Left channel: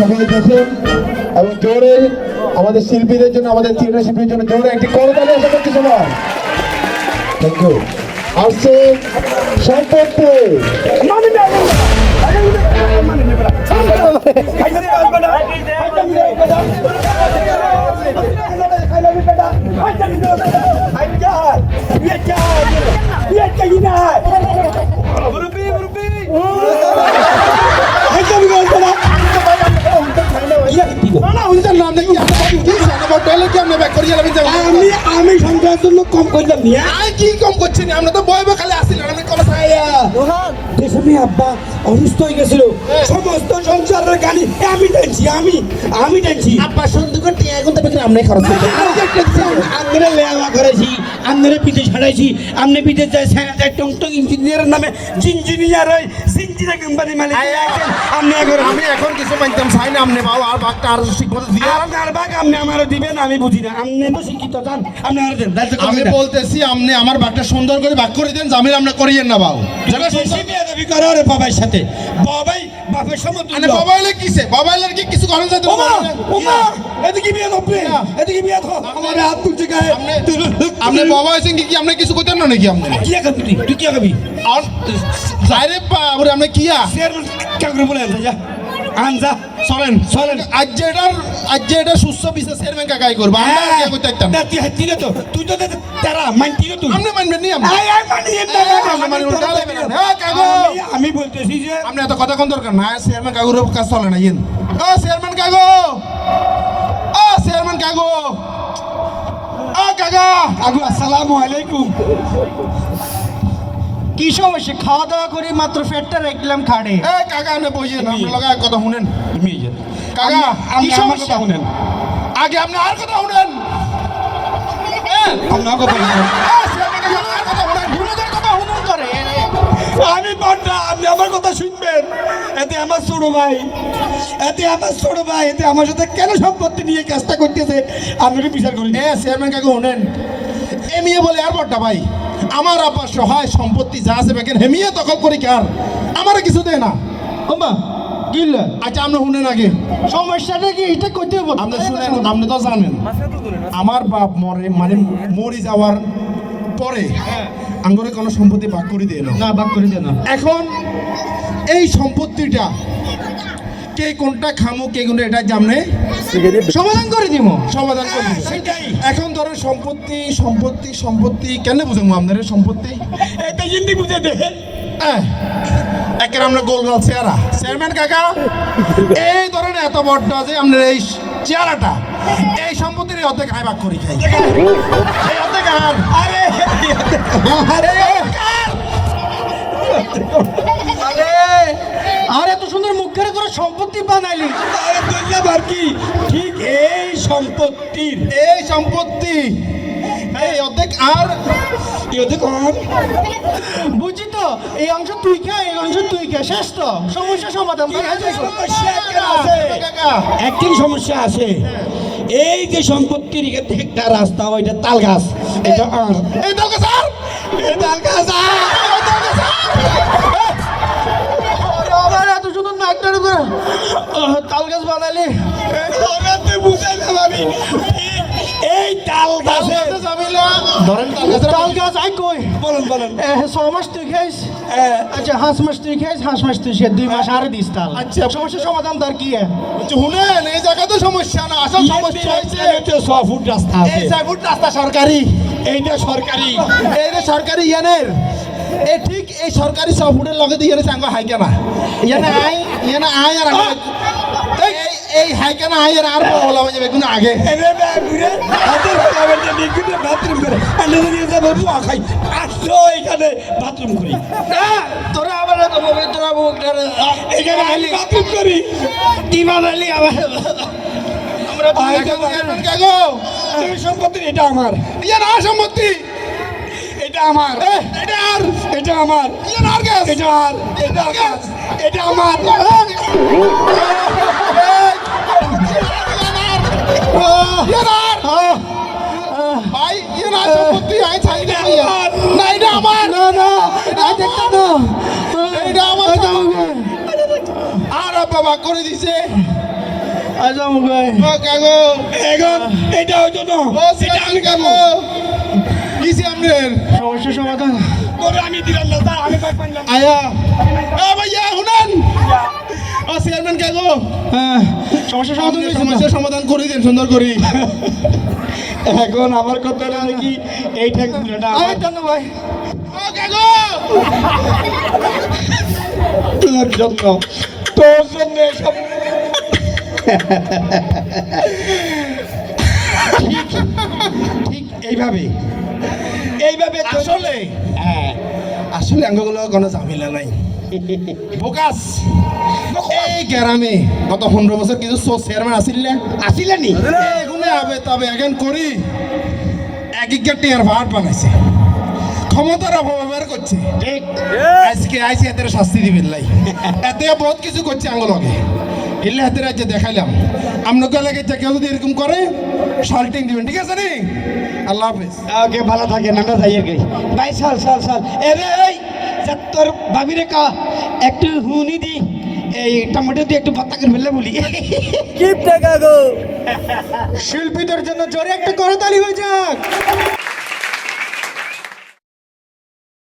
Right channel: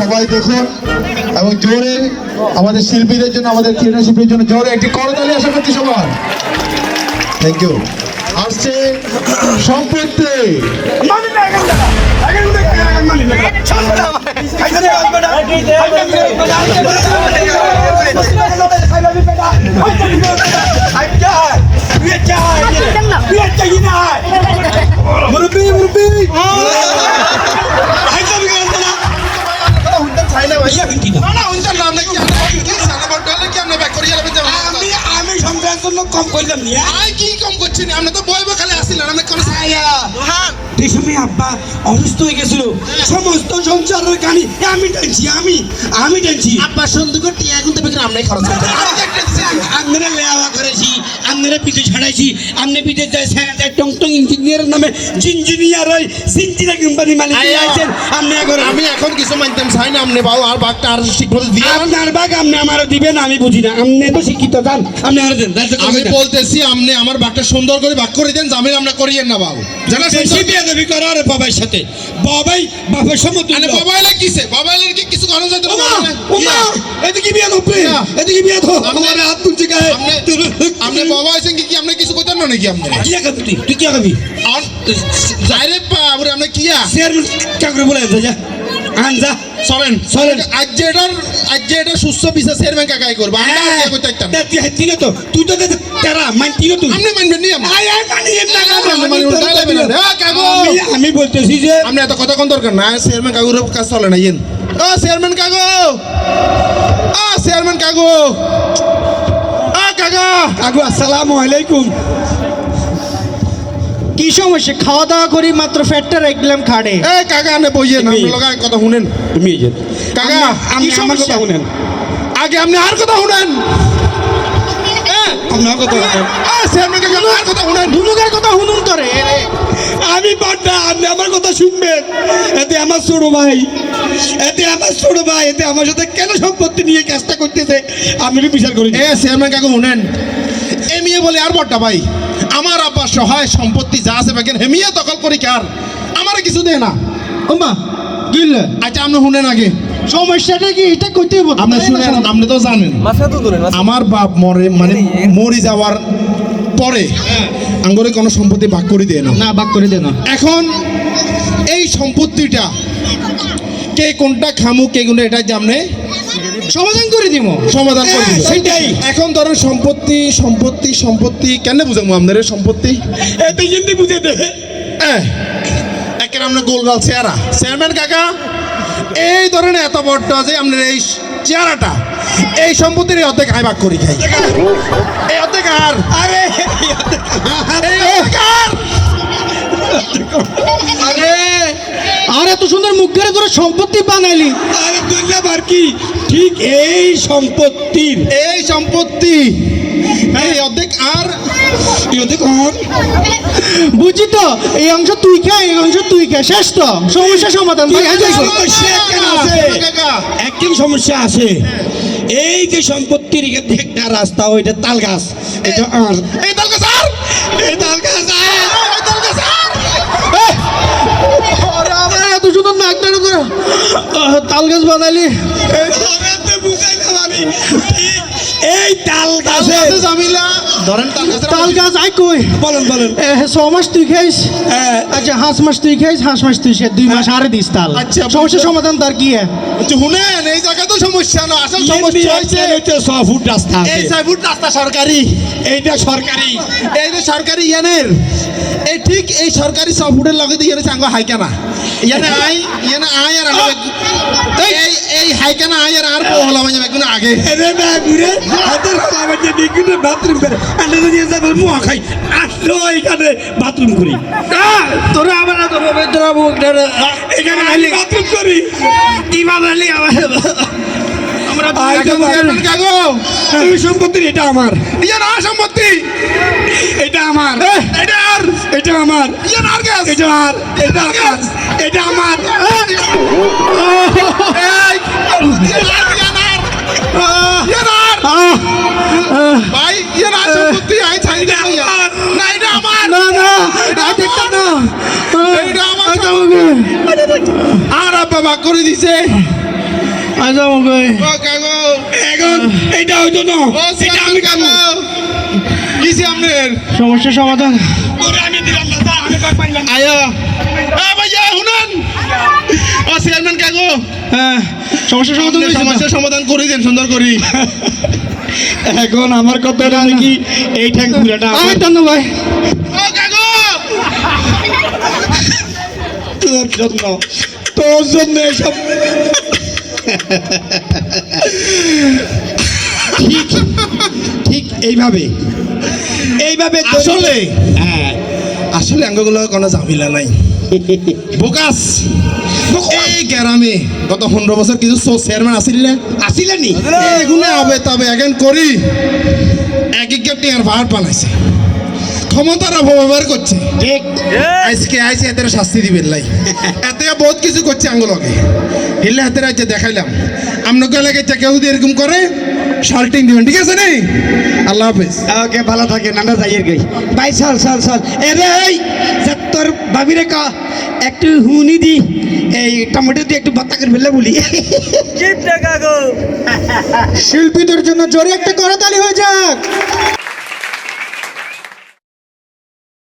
সবাই দেখুন এবং জোরে আমাদের শিল্পীদের জন্য, আমাদের থিয়েটার শিল্পীর জন্য জোরে একটি করতালি আশা করছি সবার থ্যাংক ইউ আসছে সম্পত্তি। জন্য কম করলাম নিয়ে কি কম করছি না? আমরা তো বইব খালি আসছিলাম আমি কোনো দেশমি আব্বা অসুস্থ হয়ে গেছিল। সমস্ত সংসারের গানি আমি টানছি আমি আমি টানছি। আব্বা সুন্দর করে টিয়া এখন তবে আমরা খরচ করতে লেওয়া করেছি আপনারা পিঠে ছাড়াইছি আপনি পিঠে টং টং ইঞ্জিনিয়ারের নামে ইঞ্জিনিয়ার ওই সিনজিনা কোম্পানি মালিক আছেন আপনি এখন আমি এখন কিছু মানতাম চাই না আপনি বাবু আর বাঘটা আর ঠিকমতো দিয়ে আপনার বাগ আপনি আমারও দিবেন আমি বুঝি না। আপনি তো শিক্ষিত জান। আপনি আমার দেন আমি বলতেছি আপনি আমার বাঘটা সুন্দর করে বাঘ করে দেন জামিন আপনি করিয়েন না বাবু জানা বেশি বিয়াদবি করো রে বাবার সাথে। বাবাই বাপের সমতুল্য। আরে মোবাইলে কিসে? মোবাইলের কি কিছু করেন যাতে ওমা ওমা এদিকে বিয়ে না। এদিকে বিয়ে ধর আমার হাত তুলছে গায়ে। আপনি আপনি বাবা হয়েছেন কি? কি আপনি কিছু করতেন না নাকি আপনি কি খাবি তুই? তুই কি খাবি আর যাইরে বাবুরে আপনি কিয়া শের কাকরে বলে যা। আনজা চলেন। আজ করব। আমরা হ্যাঁ। একদম তুই হাতি তো তুই তো তেরা মানতি না তুই। আপনি মানবেন নি আপনি আয় আয় মানি না আপনি মানবেন না, লাগবে না। হ্যাঁ, আমি- আমি বলতেছি যে আপনি এত কথা কোন দরকার? না চেয়ারম্যান কাকুর কাজ চলে না ইয়েন। ও চেয়ারম্যান কাকু! ও চেয়ারম্যান কাকু! ও কাকা! আগু আসসালামু আলাইকুম। কি সমস্যা? খাওয়া দাওয়া করি মাত্র ফ্যাটটা রাখলাম খাড়ে এ কাকা আপনি আপনি লগা কথা শুনেন। তুমি এই যে কাকা আমি কি আমার কথা সমস্যা? শুনেন। আগে আপনি আর কথা শুনেন। আমি বড়টা আপনি আমার কথা শুনবেন। এতে আমার ছোট ভাই এতে আমার ছোট ভাই এতে আমার সাথে কেন সম্পত্তি নিয়ে কাজটা করতেছে? আমি বিচার করি। শুনেন। এ বলে আর বড়টা ভাই। আমার আব্বার সহায় সম্পত্তি যা আছে বাকি হেমিয়ে দখল করি কার আমারে কিছু দেয় না। গিল্লা আচ্ছা আপনি শুনেন আগে। সমস্যাটা কি? এটা করতে হবে আপনি শুনেন আপনি তো জানেন। আমার বাপ মরে মানে মরি যাওয়ার পরে আঙ্গরে কোনো সম্পত্তি ভাগ করে দেয় না। না করে দেন এখন এই সম্পত্তিটা কে কোনটা খামু কে কোনটা এটা জামনে সমাধান করে দিব সমাধান করে দিব। সেটাই। এখন ধরুন সম্পত্তি সম্পত্তি সম্পত্তি কেন বুঝাবো আপনার সম্পত্তি? এতে কিন্তু বুঝে দে। একের আমরা গোলগাল চেহারা। চেয়ারম্যান কাকা এই ধরেন এত বড় যে আপনার এই চেহারাটা এই সম্পত্তির অর্ধেক আয় ভাগ করি খাই। এই অর্ধেক আর। আরে। আর। এত সুন্দর মুখ ধরে তোরা সম্পত্তি বানাইলি। আরে কি? ঠিক এই সম্পত্তির। এই সম্পত্তি। এই অর্ধেক আর ইয়েতে কন বুঝি তো এই অংশ তুই খা এই অংশ তুই খা। শেষ তো সমস্যা সমাধান। সমস্যা আছে। এই যে সম্পত্তির একটা রাস্তা ওইটা তাল গাছ এটা আর। এই দলকে স্যার এই তাল গাছ তাল গাছ বানাইলি এই তাল গাছে জামিলা। ধরেন তাল গাছ কই? বলেন বলেন। এ, ছ মাস তুই খাইস। আচ্ছা হাঁস মাস তুই খাইস হাঁস মাস তুই খাইস দুই মাস আরে দিস তাল। আচ্ছা, সমস্যা সমাধান তার কি হ্যাঁ শুনেন এই জায়গা তো সমস্যা না আসল সমস্যা হয়েছে হচ্ছে ছ ফুট রাস্তা এই ফুট রাস্তা সরকারি এইটা সরকারি এই যে সরকারি ইয়ানের। এই ঠিক এই সরকারি ছ ফুটের লগে দিয়ে চাঙ্গ হাইকানা। ইয়ানে আই ইয়ানে আই আর এই এই হাইকানা আই আর আর মানে বেগুন আগে। এরে বাবুরে হাতের কামে যে বিগুনে বাথরুম করে। আনে দিয়ে যাবে মুয়া খাই। আসলো এখানে বাথরুম করি। তোরা তোরা এখানে আইলি। বাথরুম করি। ইমাম আলী আমার আমরা সম্পত্তি এটা আমার। সম্পত্তি। এটা আমার। এটা আর। এটা আমার। এটা আর। এটা আমার এটা আমার। করে দিছে। ভাই। এখন এটা হইতো না এটা আমি কামো আপনার সমাধান। করে আমি দিলাম না তা আমি কর পাইলাম। আয়া। এ ভাইয়া শুনান। ও চেয়ারম্যান কাগো হ্যাঁ সমস্যার সমাধান সমাধান করে দেন সুন্দর করি। এখন আমার কথা নাকি এই ঠ্যাং পুরাটা আমি টানো ভাই ও কাগো তোর জন্য তোর জন্য এসব ঠিক ঠিক এইভাবে এইভাবে আসলে? হ্যাঁ। আসলে অঙ্গগুলো কোনো ঝামেলা নাই। বোকাস। এই গ্রামে গত পনেরো বছর কিছু চেয়ারম্যান আসিল না আসিলে নি? এগুলো হবে তবে এখন করি। এক এক টিয়ার ভার বানাইছে। ক্ষমতার অপব্যবহার করছে। ঠিক। আজকে আইসে এদের শাস্তি দিবেন লাই। এতে বহুত কিছু করছে আঙ্গুলকে। হিলে হাতের আজকে দেখাইলাম। আপনাকে এলাকায় যে কেউ যদি এরকম করে শাল্টিং দিবেন। ঠিক আছে নি? আল্লাহ হাফেজ। ওকে ভালো থাকে নানা যাইয়ের গই ভাই চল চল চল এরে এই তোর ভাবি রে কা একটু হুনি দি এই টমেটো দিয়ে একটু ভর্তা করে ফেললে বলি। শিল্পীদের জন্য জোরে একটা করতালি হয়ে যাক।